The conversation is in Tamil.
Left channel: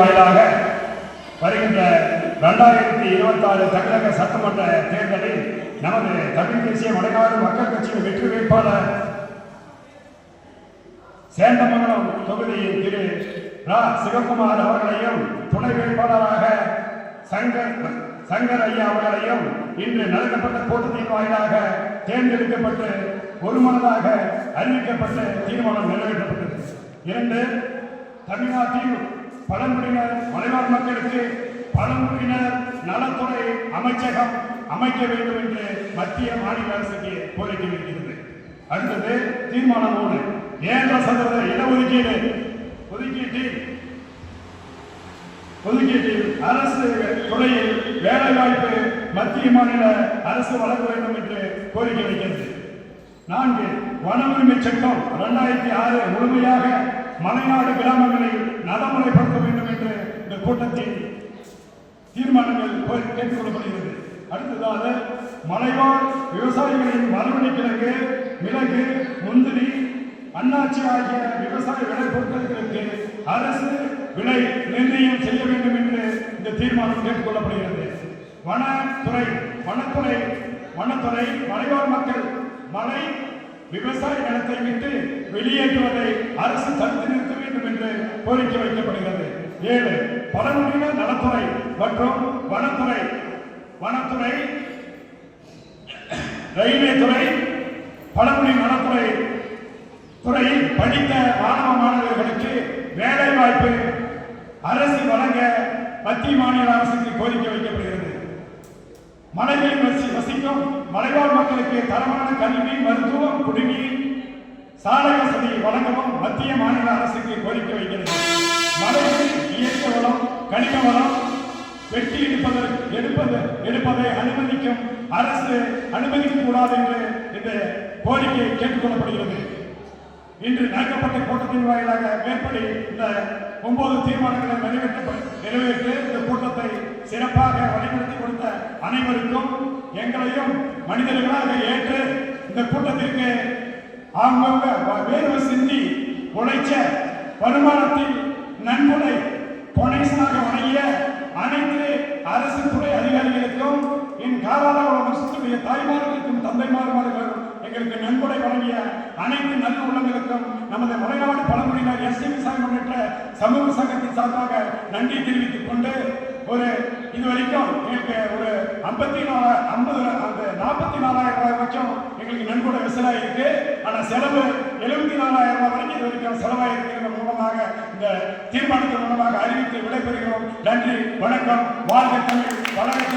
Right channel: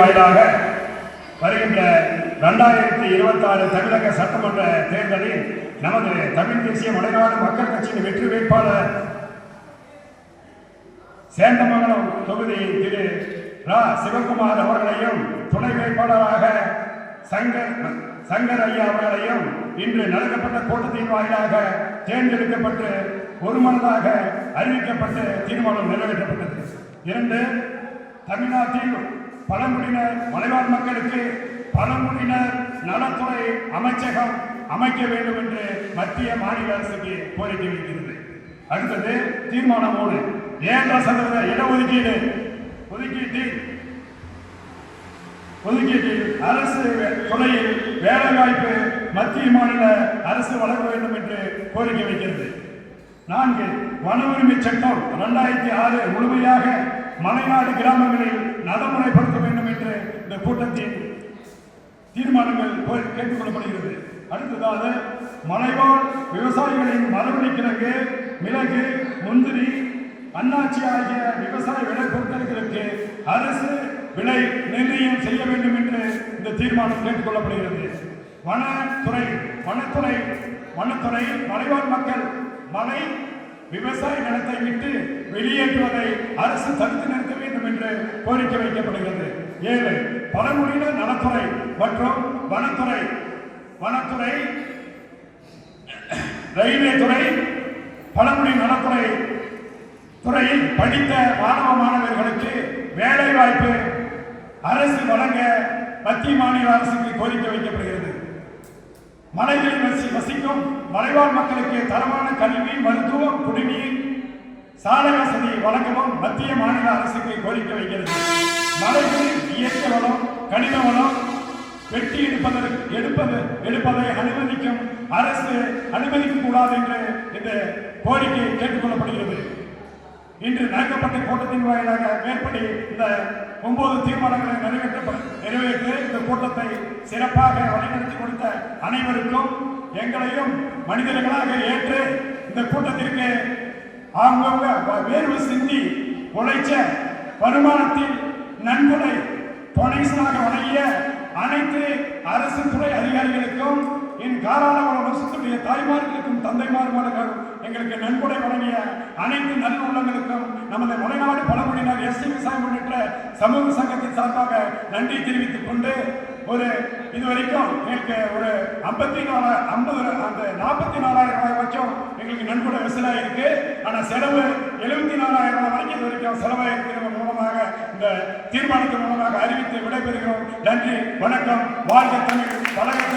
வருகின்ற 2026 தமிழக சட்டமன்ற தேர்தலில் நமது தமிழ் தேசிய மலைநாடு மக்கள் கட்சியின் வெற்றி வேட்பாளர் சேந்தமங்கலம் தொகுதியின் திரு ரா சிவகுமார் அவர்களையும் துணை வேட்பாளராக சங்கர் ஐயா அவர்களையும் இன்று நடத்தப்பட்ட கூட்டத்தின் வாயிலாக தேர்ந்தெடுக்கப்பட்டு ஒருமனதாக அறிவிக்கப்பட்டு தீர்மானம் நிறைவேற்றப்பட்டது. 2. தமிழ்நாட்டில் பழங்குடியினர் மலைவாழ் மக்களுக்கு பழங்குடியினர் நலத்துறை அமைச்சகம் அமைக்க வேண்டும் என்று மத்திய மாநில அரசுக்கு கோரிக்கை வைக்கிறது. அடுத்தது தீர்மானம் 3. 7% இடஒதுக்கீடு ஒதுக்கீட்டில் அரசு துறையில் வேலைவாய்ப்பு மத்திய மாநில அரசு வழங்க வேண்டும் என்று கோரிக்கை வைக்கிறது. 4. வன உரிமை சட்டம் 2006 முழுமையாக மலைநாடு கிராமங்களில் நடைமுறைப்படுத்த வேண்டும் என்று இந்த கூட்டத்தில் தீர்மானங்கள் கேட்டுக்கொள்ளப்படுகிறது. அடுத்ததாக மலைவாழ் விவசாயிகளின் மரபணி கிழங்கு, மிளகு, முந்திரி, அன்னாச்சி ஆகிய விவசாய விளைபொருட்களுக்கு அரசு விலை நிர்ணயம் செய்ய வேண்டும் என்று இந்த தீர்மானம் கேட்டுக்கொள்ளப்படுகிறது. வனத்துறை மலைவாழ் மக்கள் மலை விவசாய நிலத்தை விட்டு வெளியேற்றுவதை அரசு தடுத்து நிறுத்த வேண்டும் என்று கோரிக்கை வைக்கப்படுகிறது. 7. பழங்குடியினர் நலத்துறை மற்றும் வனத்துறை ரயில்வே துறை பழங்குடி நலத்துறை துறையில் படித்த மாணவர்களுக்கு வேலை வாய்ப்பு அரசு வழங்க மத்திய மாநில அரசுக்கு கோரிக்கை வைக்கப்படுகிறது. மலைகளில் வசிக்கும் மலைவாழ் மக்களுக்கு தரமான கல்வி, மருத்துவம், குடிநீர், சாலை வசதி வழங்கவும் மத்திய மாநில அரசுக்கு கோரிக்கை வைக்கிறது. மலைகளில் இயற்கை வளம், கனிம வளம் வெட்டி எடுப்பதை அனுமதிக்கும் அரசு அனுமதிக்கக்கூடாது என்று இந்த கோரிக்கை கேட்டுக்கொள்ளப்படுகிறது. இன்று நடக்கப்பட்ட கூட்டத்தின் வாயிலாக மேற்படி இந்த 9 தீர்மானங்களை நிறைவேற்ற இந்த கூட்டத்தை சிறப்பாக வழிநடத்தி கொடுத்த அனைவருக்கும் எங்களையும் மனிதர்களாக ஏற்று இந்த கூட்டத்திற்கு வேர்வை சிந்தி உழைச்ச வருமானத்தில் நன்கொடை தொலைசாக வழங்கிய அனைத்து அரசு துறை அதிகாரிகளுக்கும் என் காலாளர்களுடைய தாய்மார்களுக்கும் தந்தைமார்களுக்கும் எங்களுக்கு நன்கொடை வழங்கிய அனைத்து நல்ல உள்ளங்களுக்கும் நமது மலைநாடு பழங்குடியினர் எஸ்டி விவசாய முன்னேற்ற சமூக சங்கத்தின் சார்பாக நன்றி தெரிவித்துக் கொண்டு இதுவரைக்கும் எங்களுக்கு ஒரு 44,000 ரூபாய் வரைக்கும் எங்களுக்கு நன்கொடை விசிலாயிருக்கு. ஆனால் செலவு 74,000 ரூபாய் வரைக்கும் இது வரைக்கும் செலவாயிருக்கிறது மூலமாக இந்த தீர்மானத்தின் மூலமாக அறிவித்து விடைபெறுகிறோம். நன்றி, வணக்கம், வாழ்க தமிழ், வளர்க